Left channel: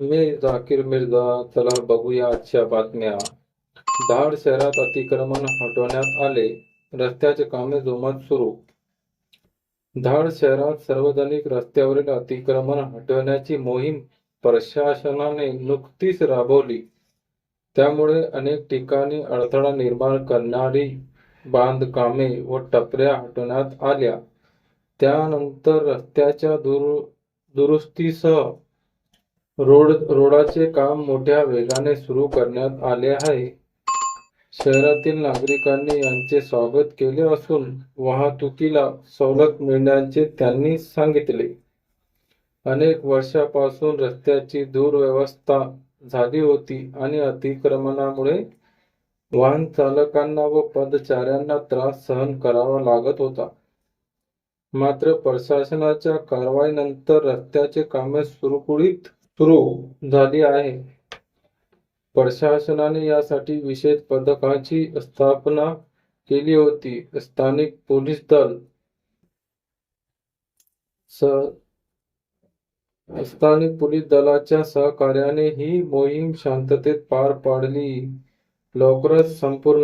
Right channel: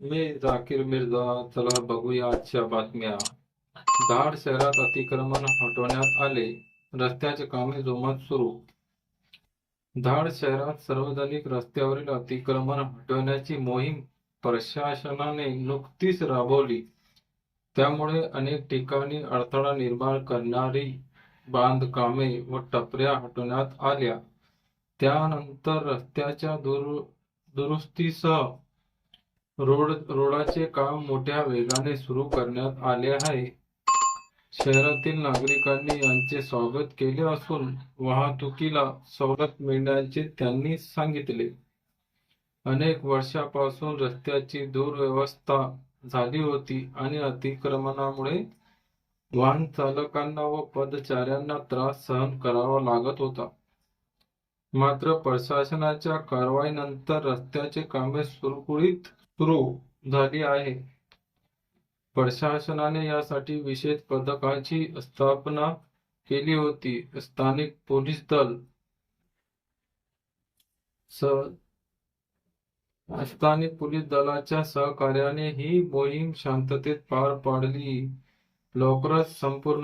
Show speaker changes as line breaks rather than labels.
मी झाकीर मिर्झा चला बघूया आजच्या बातम्या. धाड शहरात अतिक्रमण हटवण्यात आले. रस्त्याचे कामे जोमात सुरू. धाड शहरात सार्वजनिक रस्त्यावरील अतिक्रमण हटवण्याची मोहीम प्रशासनाने नुकतीच राबवली. त्यामुळे अनेक ठिकाणी अडथळा निर्माण करणारी बांधकामे व टपऱ्या हटवण्यात आल्या. त्यानंतर रस्त्याच्या दुरु दुरुस्तीसह रोड रोडाचे काम मोठ्या वेगाने सुरू करण्यात आले आहे. शहरातील नागरिकांनी यांचे स्वागत केले असून वाहतुकीला सवलत मिळण्याचे त्यांनी सांगितले. अनेक वर्षापासून रस्त्याची दुर्व्यवस्था झाली होती आणि अतिक्रमणामुळे वाहन चालकांना व पदचाऱ्यांना त्रास सहन करावा लागत होता. मात्र प्रशासनाच्या कारवाईनंतर रस्त्याचे कामे सुरळीत सुरू झाली आहे. प्रशासनाने यासाठी विशेष पथकाची स्थापना केली होती. स्थानिक पोलीस दल स्थानिक पोलीस दलाच्या सहकार्याने ही मोहीम शांततेत पार पाडली. लवकरच संपूर्ण